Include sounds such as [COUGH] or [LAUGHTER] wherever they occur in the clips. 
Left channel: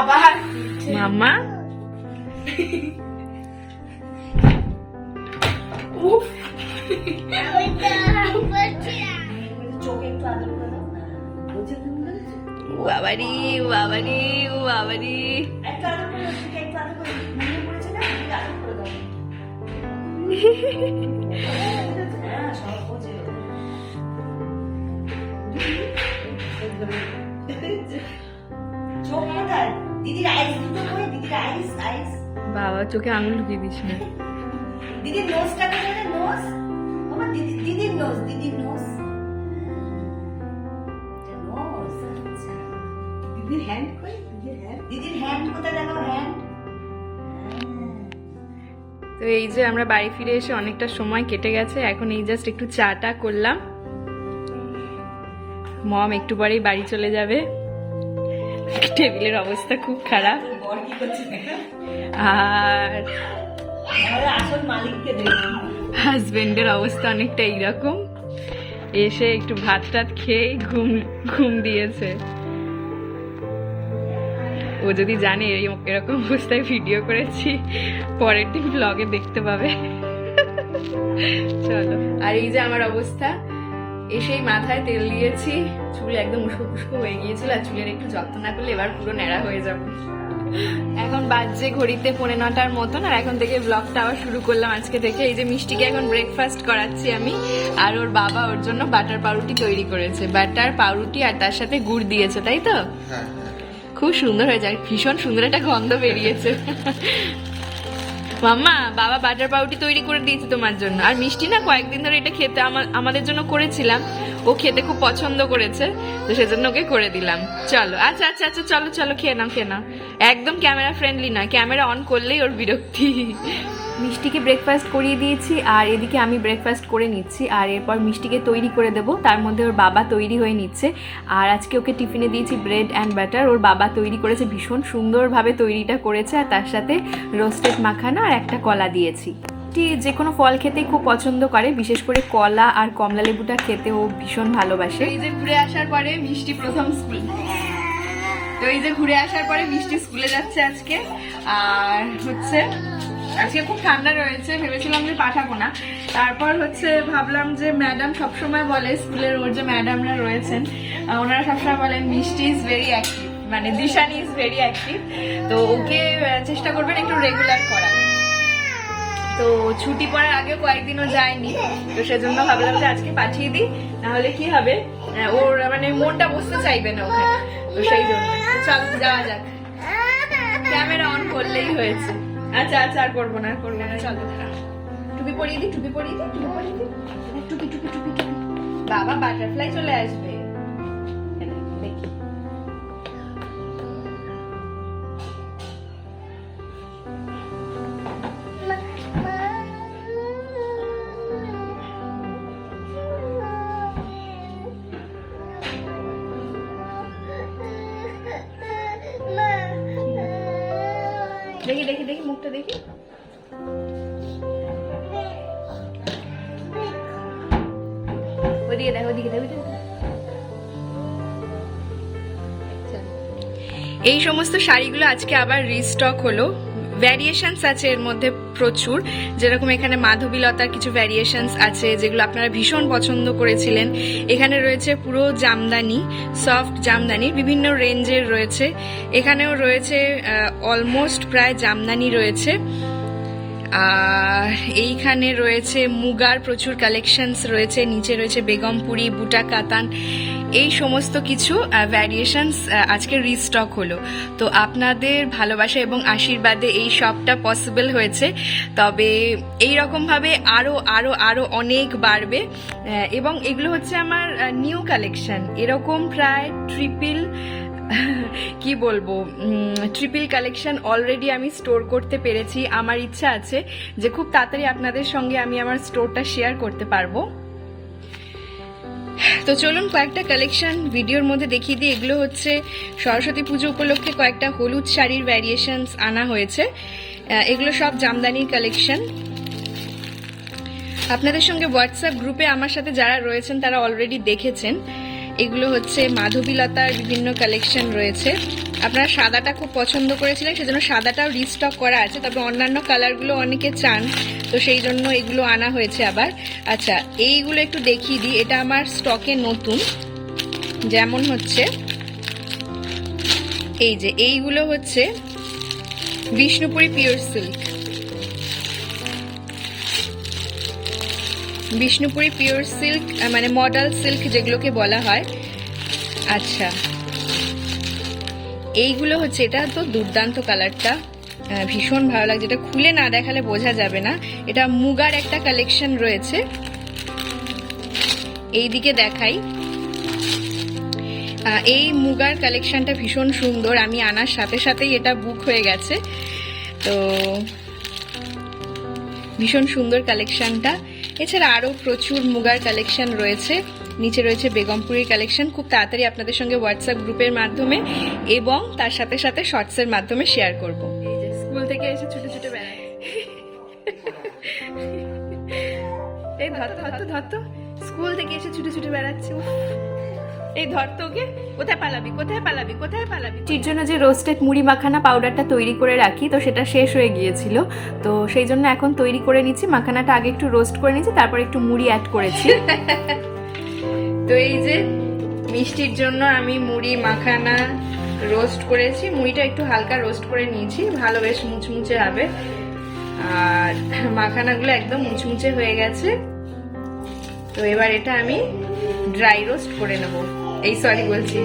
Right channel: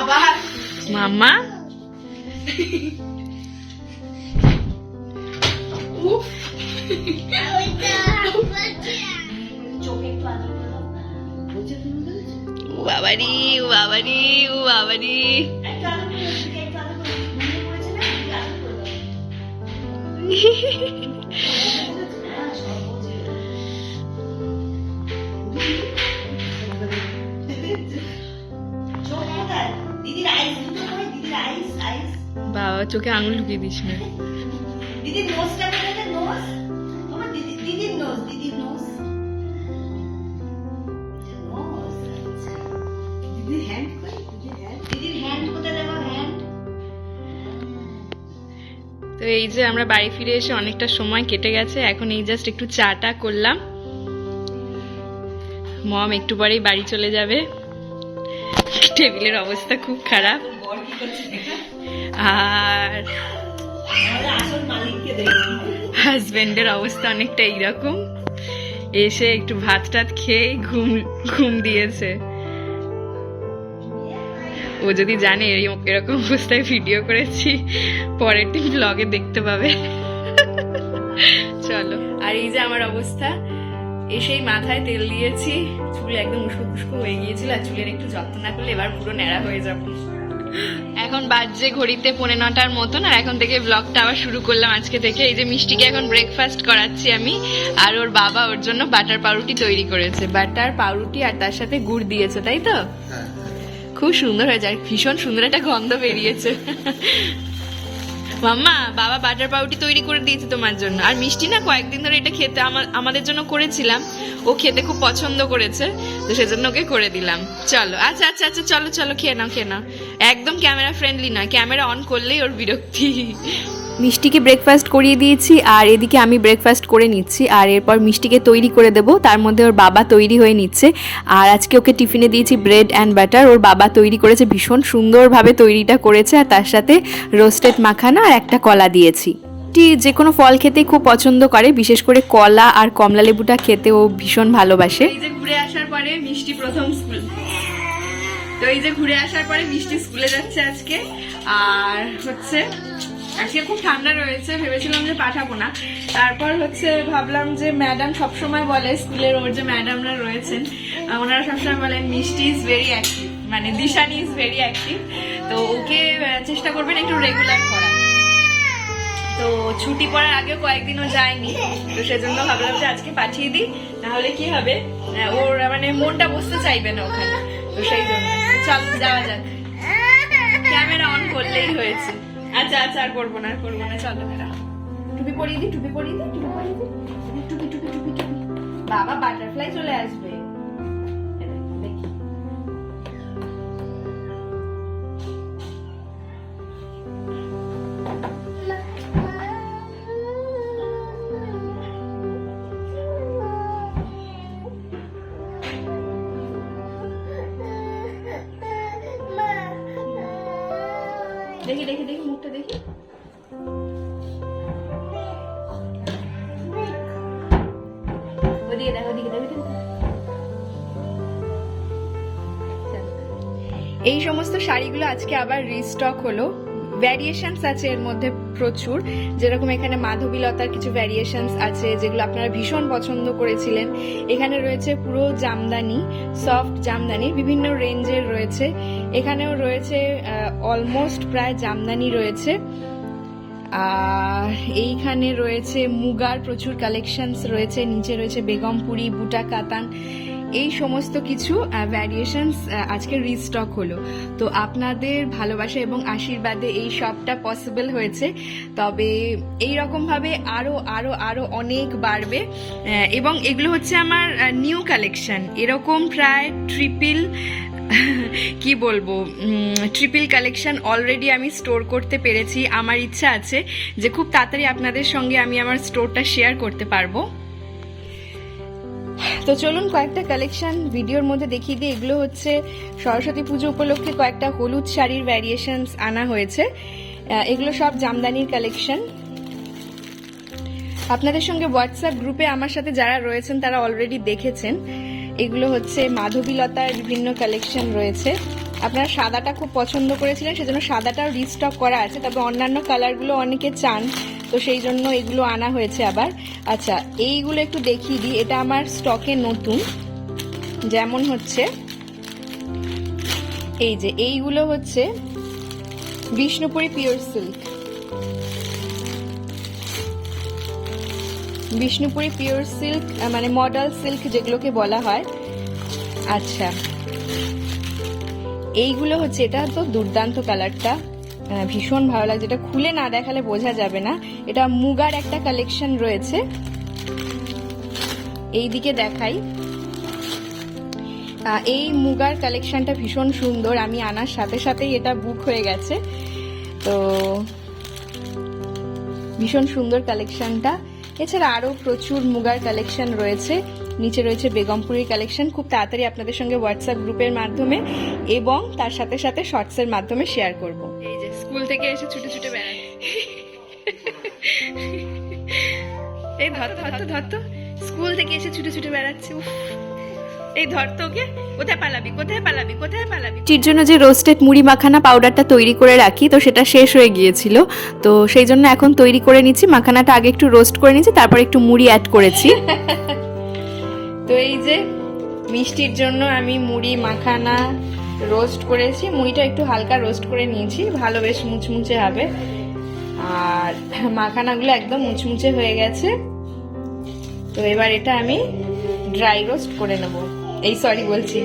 আবার মাম্মা উফ বাবারি বাবারি বাবারি। একটু বাবা চোখে আঙুল ঢুকিয়ে দিস না। দিদির নোজটা কোথায়? নোজ বাবা দিদি দিদির নোজ দিদির নোজ আচ্ছা। দিদির হ্যান্ড কই? দিদির হ্যান্ড কোথায় দেখো হ্যান্ড তো এই যে আমরা বাড়ি ফিরে এসে অনেকটা সময় কেটে গেছে এখন এই জাস্ট একটু চাটা করলাম। মম একটু পরেই বাড়ি চলে যাবে। টেবিলের অবস্থা খুব খারাপ। আর হাজবেন্ডের অবস্থা অনেকটা এইরকম এসে একটু ভাত টাত খেয়ে ঘুম ঘুম দিয়েছে। ও যদি জানে এরকম অবস্থায় ভিডিও করেছি, পরের দিন ব্লগে দেখতে পাবে। চলো। আর এই যে আমার অবস্থা, এসেই মাথায় তেল দিয়েছি, চুল একদম উস্কো হয়ে গিয়েছিল আর চুলের একটু যত্ন না করলে এবার পুরো ন্যাড়া হয়ে যাব। এখন বাজে ঘড়িতে পৌনে নটার মতন আর এখন থেকে ব্লগটা আবার শুরু করলাম আজকে থেকে। এই যে মিষ্টিকে এখন ব্রেকফাস্ট করাচ্ছি আমি আর ওর বাবা ওর জন্য বাটার পাউরুটি তৈরি করেছে। বাটার পাউরুটি আর তার সাথে গুড় দিয়েছে তাই তো? হ্যাঁ। খুব সুন্দর হয়েছে আর ভীষণ সুন্দর একটা গন্ধ বেরিয়েছে। মাম্মা, বাবা বাটার পাউটি তৈরি করে দিয়েছে তোমার জন্য। আর মিষ্টি না, কয়েকদিন ধরে এটা খেতে আমা- আমাদের জন্য করেছিলাম। ও খেতে খুব পছন্দ করেছে, তো সেজন্য ওকে করে দিলাম। চলো আচ্ছা আচ্ছা আচ্ছা চলো চলো, খেয়ে নাও খেয়ে নাও। একদম ক্যামেরা ফ্রেন্ডলি না ক্যামেরা অন করলেই ওর বিরক্তি। মিষ্টিকে ব্রেকফাস্ট করিয়ে দিয়েছি আর এদিকে আমি ব্রেকফাস্ট করে নিচ্ছি আর এরপর মিষ্টিকে তৈরি করে দেব। তার মধ্যে ওর বাবা তৈরি হয়ে নিচ্ছে আর আজকে ওকে টিফিনে দিয়েছি ব্রেড অ্যান্ড বাটার ওর বাবা তৈরি করেছে ভীষণ সুন্দরভাবে তৈরিটা করেছে আর তার সাথে রোস্টেড মাখানা আর একটা কলা দিয়েছি। টি যে কোনো ফল খেতে খুব পছন্দ করে, বিশেষ করে কলা আর কমলা লেবুটা খেতে ও ভীষণ ভালোবাসে। এই যে ঘুরে আসার পরে মিষ্টি প্রথম স্কুল। তো এই যে ঘুরে আসার পরে মিষ্টি স্কুলে যাচ্ছে আজকে। আর হচ্ছে আজকে খুব ঠান্ডা রয়েছে, ভেবেছিলাম যে পাঠাবো না। তারপর হচ্ছে ভাবলাম যে ম্যাডাম সবসময় বলে, স্কুলের ওর যে ম্যাডামরা রয়েছেন ওনারা সবসময় বলেন মিষ্টি ইজ ভেরি অ্যাক্টিভ মানে দিশানি ইজ ভেরি অ্যাক্টিভ তো ওকে চেষ্টা করবেন একটু রেগুলার করার। তো ছুটি পড়ার আগেও কয়েকদিনও যায়নি। তো সেজন্য ভাবলাম যে আজকে পাঠিয়ে দিই, নাহলে কি হবে? ওর মানে মনটা বসতে চাইবে না ওখানে। তো সেই জন্য। চল, যাওয়া যাক। ক্যামেরা অন করলেই হয়েছে। আচ্ছা আচ্ছা আর করব না, আর করব না, চলো। টুপি পরিয়ে দিই টুপি পরিয়ে দিই টুপি পরিয়ে দিই টুপি টুপি টুপি টুপি। বাবা, বাটারফ্লাই চলে আসবে। দেখি দেখি দেখি, মুখটা দেখি ওদিকে দেখো ওদিকে দেখো। এই সমস্ত শাড়িগুলো আজকে আবার রিস্টক হলো ভ্যারিয়েশনস আছে এর মধ্যে প্রচুর। যেরকম এখানে মাধবীলতার কিছু ভ্যারিয়েশনস আছে, যেগুলো আপনারা ভীষণ পছন্দ করেছিলেন। এখানে রয়েছে পুরো জামদানি সফট জামদানি, বিভিন্ন রেঞ্জের রয়েছে। এখানেও রয়েছে অলমোস্ট প্রায় জামদানি রয়েছে। এইখানে রয়েছে মুগার, প্রচুর কালেকশনস রয়েছে, নিচে রয়েছে বেগমপুরি বুটা কাতান, এই সমস্ত কিছু ভ্যারিয়েশনস আজকে রিস্টক হলো। তো আপনাদের ভালোবাসা এবং আশীর্বাদে এই সবটা পসিবল হয়েছে। তবে এই রকমভাবে আরও আরও আরও অনেক বাড়বে। এবং এগুলো হচ্ছে আমার নিউ কালেকশন এরকম প্রায় ট্রিপল কি বলব? ট্রিপল কালেকশন অলরেডি আমি স্টোর করতে পেরেছি। আমার ইচ্ছা আছে যে খুব তাড়াতাড়ি আপনাদের সঙ্গে আমি আমার স্টোরটা শেয়ার করতে পারব। তো চলুন কয়েকটা কালেকশন ভিডিওর মধ্যে দেখিয়ে দিই। এগুলো হচ্ছে সরস্বতী পুজো উপলক্ষে কয়েকটা হলুদ শাড়ির ভ্যারিয়েশনস আনা হয়েছে। এগুলো সব জামদানির কালেকশন আপনাদের সঙ্গে হোয়াটসঅ্যাপ গ্রুপে আমার সাথে যারা রয়েছেন, তারা অলরেডি দেখেছেন। এগুলো হচ্ছে মাধবীলতার বিভিন্ন কালেকশন রয়েছে। আপনারা সাদাটা খুব পছন্দ করেছিলেন, সেজন্য সাদাটাও রিস্টক করা আছে, তবে অন্যান্য কালারগুলো অনেকে চান, তো সেই জন্য এগুলো আনা হয়েছে আবার। আচ্ছা এইগুলো একটু দেখিয়ে দিই, এটা আমার স্টকে নতুন। যেমন হচ্ছে, এই যে, এইগুলো হচ্ছে Bishnupuri pure silk Bishnupuri pure silk মানে মডেল সিল্ক যেগুলোকে বলা হয়। আচ্ছা। এইগুলো হচ্ছে, এটা তো দুর্দান্ত কালারটা। ভীষণ ভালো লাগছে। এটা খুলে না দেখালে বোঝা যাবে না। এটা মুগার একটা কালেকশন রয়েছে। এই দিকে দেখাই এই মুগার কালেকশনটা ভীষণ সুন্দর। আমি আনার সাথে সাথেই এটা বুক হয়ে গেছে। তো ভীষণ সুন্দর কালেকশনটা। এছাড়া আরও প্রচুর মুগার কালেকশন রয়েছে। নিচে রয়েছে বেগমপুরের কালেকশন। খুব তাড়াতাড়ি আপনাদের সঙ্গে হোয়াটসঅ্যাপ গ্রুপের মাধ্যমে এবং তার সাথে সাথে শর্টসের মাধ্যমে শেয়ার করব। এই যে স্কুল থেকে এসে ছুটে ছুটে বেড়ায়। এই ধর তো, ধর। স্কুল থেকে এসে ছুটে ছুটে বেড়াচ্ছে উফ। এই ধর তো ওকে কোথায় পালাবি কোথায় পালাবি কোথায় পালাবি? মিষ্টির জন্য যে রোস্টেড মুড়ি মাখানা পাউডারটা তৈরি করে রাখি তো সেটা শেষ হয়ে গিয়েছিল। তো সেই জন্য এখন তৈরি করে নিচ্ছি মাখানাটা আগে একটু রোস্ট করে নিচ্ছি তারপর একটু মুড়ি অ্যাড করেছি। [LAUGHS] তো এই যে মিষ্টির জন্য আমি মুড়ি মাখানা রোস্ট করেছি মুড়িটা একটু হালকা রোস্ট করে নিয়েছি ভালো বেশ মুচমুচে হবে। আর মাখানাগুলো একদম মুচমুচে হয়ে গেছে। তো এবার এটা আমি ড্রাই রোস্ট করে নেব। এই সরি বলছি।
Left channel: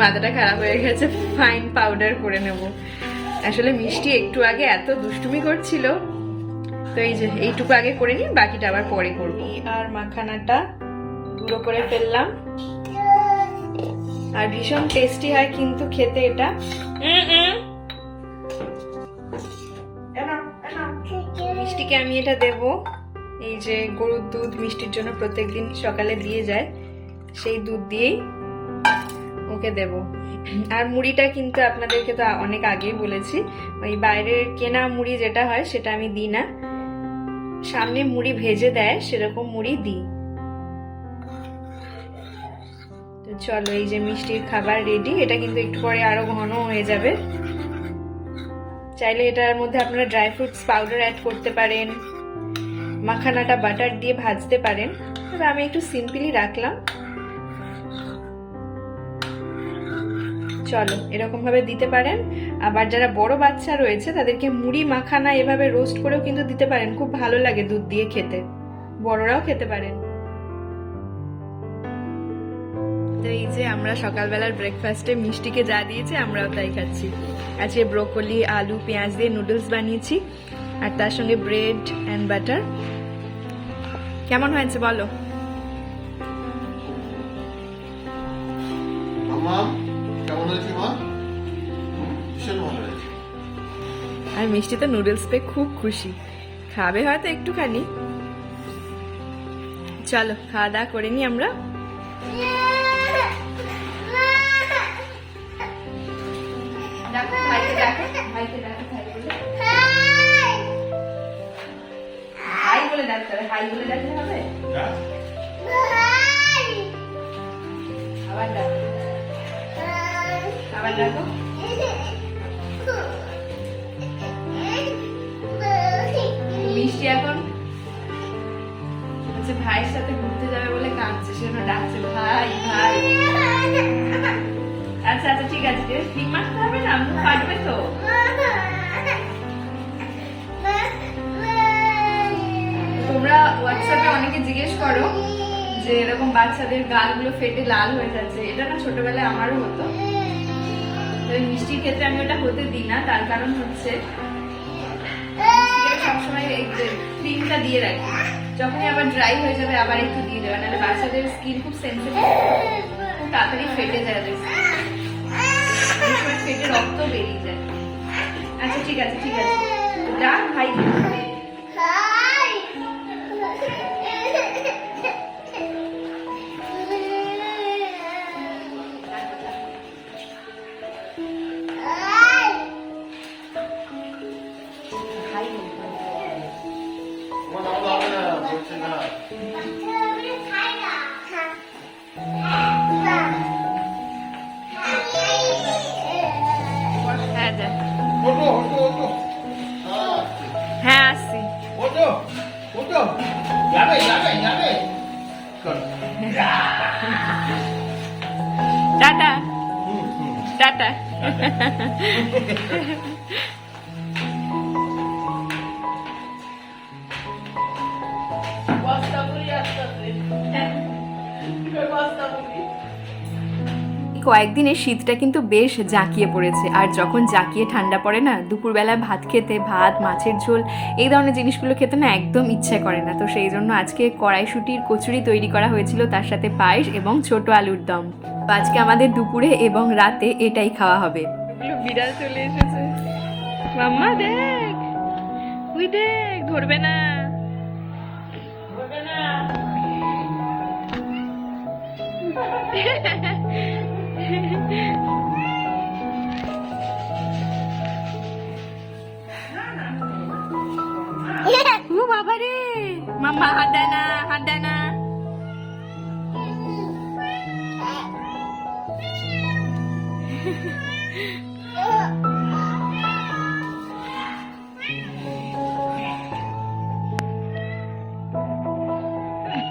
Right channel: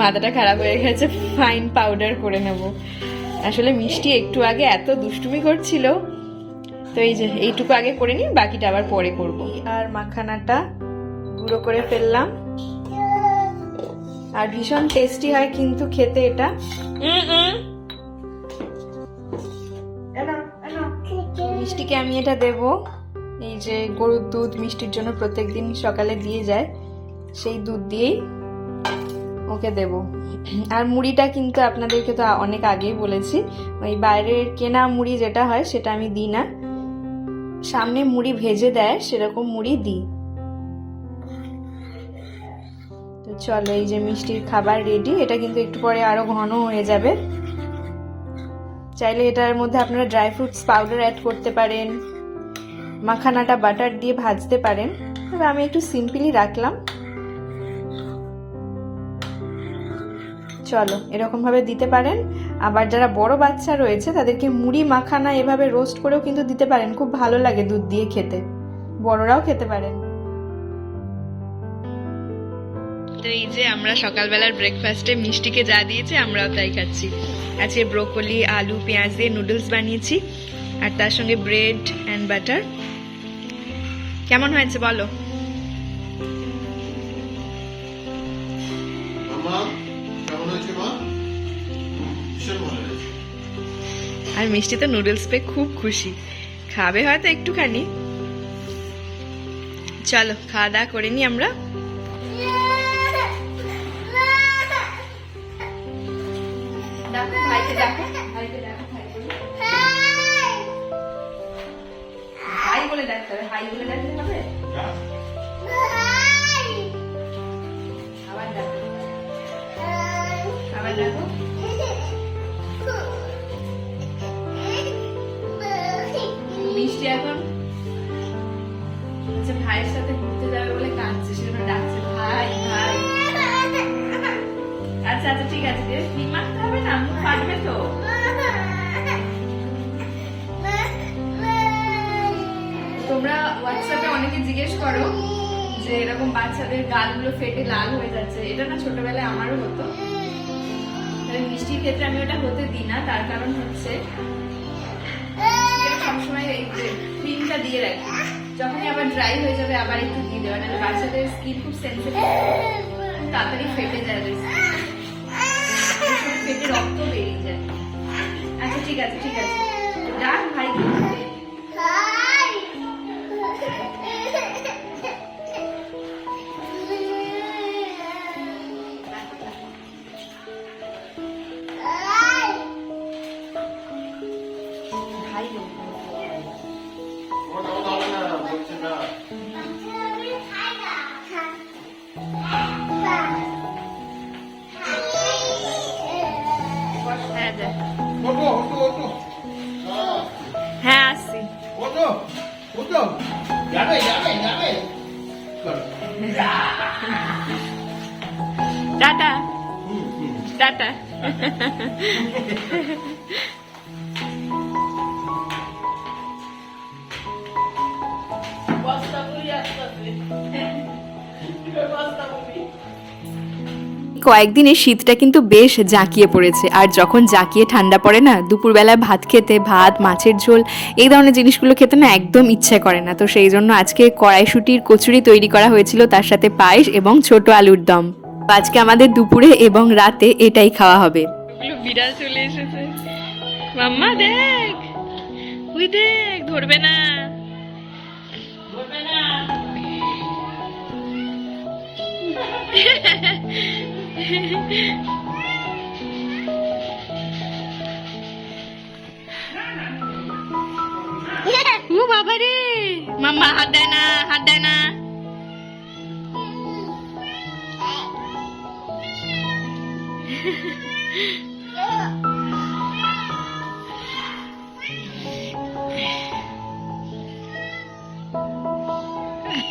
মাথাটা খারাপ হয়ে গেছে ফাইন পাউডার করে নেব। আসলে মিষ্টি একটু আগে এত দুষ্টুমি করছিল তো এই যে এইটুকু আগে করে নিই বাকিটা আবার পরে করব। আর মাখানাটা গুঁড়ো করে ফেললাম। আর ভীষণ টেস্টি হয় কিন্তু খেতে এটা। মিষ্টিকে আমি এটা দেব। এই যে গরুর দুধ মিষ্টির জন্য প্রত্যেকদিন সকালে দিয়ে যায় সেই দুধ দিয়েই ওকে দেব। আর মুড়িটা কিন্তু আপনাদেরকে তো অনেক আগেই বলেছি। ওই বাইরের কেনা মুড়ি যেটা হয়, সেটা আমি দিই না। সামনে মুড়ি ভেজে দেয়, সেরকম মুড়ি দিই। তো চলো, এই যে মিষ্টির খাবার রেডি এটা কিন্তু একটু পরে আরও ঘন হয়ে যাবে। চাইলে এটার মধ্যে আপনারা ড্রাই ফ্রুটস পাউডার অ্যাড করতে পারেন। মাখানাটা বাটার দিয়ে ভাজতে পারেন। তবে আমি একটু সিম্পলি রাখলাম। চলো, এরকমভাবে দিতে পারেন। আবার যারা বড় বাচ্চা রয়েছে, তাদেরকে মুড়ি মাখানা এভাবে রোস্ট করেও কিন্তু দিতে পারেন। খুব ভালো লাগে দুধ দিয়ে খেতে। বড়রাও খেতে পারেন। তো এই যে আমরা সকালবেলার ব্রেকফাস্টে মিষ্টিকে যা দিয়েছে, আমরাও তাই খাচ্ছি। আজকে ব্রোকলি আলু, পেঁয়াজ দিয়ে নুডলস বানিয়েছি। আর তার সঙ্গে ব্রেড অ্যান্ড বাটার কেমন হয়েছে বলো? আর মিষ্টি তো নুডলস পেয়ে খুব খুশি। খাবে হয়তো একটুখানি। চলো, খাওয়া দাওয়া করে নি আমরা। হচ্ছে ভাইয়ের সাথে ঘুরতে যাবে বলে কাঁদছে। সেজন্য ডাকছে, ভাই ভাই। আচ্ছা আচ্ছা ঠিক আছে, বেশ ক্রিম মাখতে হবে না, মুখ কাটবে তো। তোমরা হোয়াটসঅ্যাপে অনেকে জিজ্ঞেস করো যে এরকম বাচ্চাদের গালগুলো ফেটে লাল হয়ে যাচ্ছে। এটা না ছোটবেলায় আমারও হতো। তবে মিষ্টির ক্ষেত্রে আমি ওটা হতে দিই না, তার কারণ হচ্ছে সবসময় ক্রিমটা দিয়ে রাখি। যখনই আবার ড্রাই হয়ে যাবে আবার একটু দিয়ে দেবেন আর বাচ্চাদের স্কিন খুব সেন্সিটিভ তাড়াতাড়ি ফেটে যায় ফেটে রক্ত বেরিয়ে যায় আচ্ছা ঠিক আছে ঠিক আছে ভাই ভাই போட்டு போட்டு யாரை யாரை யாரை டாட்டா டாட்டா কয়েকদিনে শীতটা কিন্তু বেশ জাঁকিয়ে পড়েছে। আর যখন জাঁকিয়ে ঠান্ডা পড়ে না দুপুরবেলায় ভাত খেতে ভাত মাছের ঝোল এই ধরনের জিনিসগুলো খেতে না একদম ইচ্ছে করে না। তো সেই জন্য আজকে কড়াইশুটির কচুরি তৈরি করা হয়েছিল তার সাথে পায়েস এবং ছোট আলুর দম। আজকে আমাদের দুপুরে এবং রাতে এটাই খাওয়া হবে। ওগুলো বিড়াল চলে এসেছে। মাম্মা দেখ। ওই দেখ ধরবে না। [LAUGHS] ও বাবা রে মাম্মা হাত দেয় না হাত দেয় না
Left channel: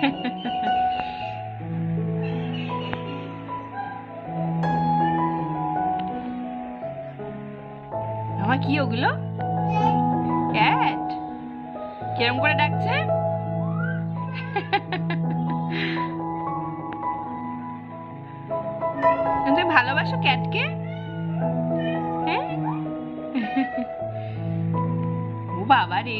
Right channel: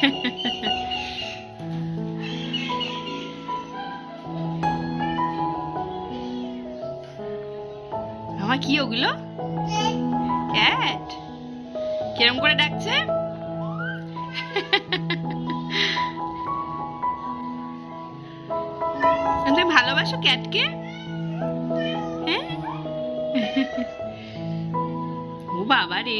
মামা কি ওগুলো? ক্যাট কিরম করে ডাকছে? তুমি ভালোবাসো ক্যাটকে হ্যাঁ? ও বাবা রে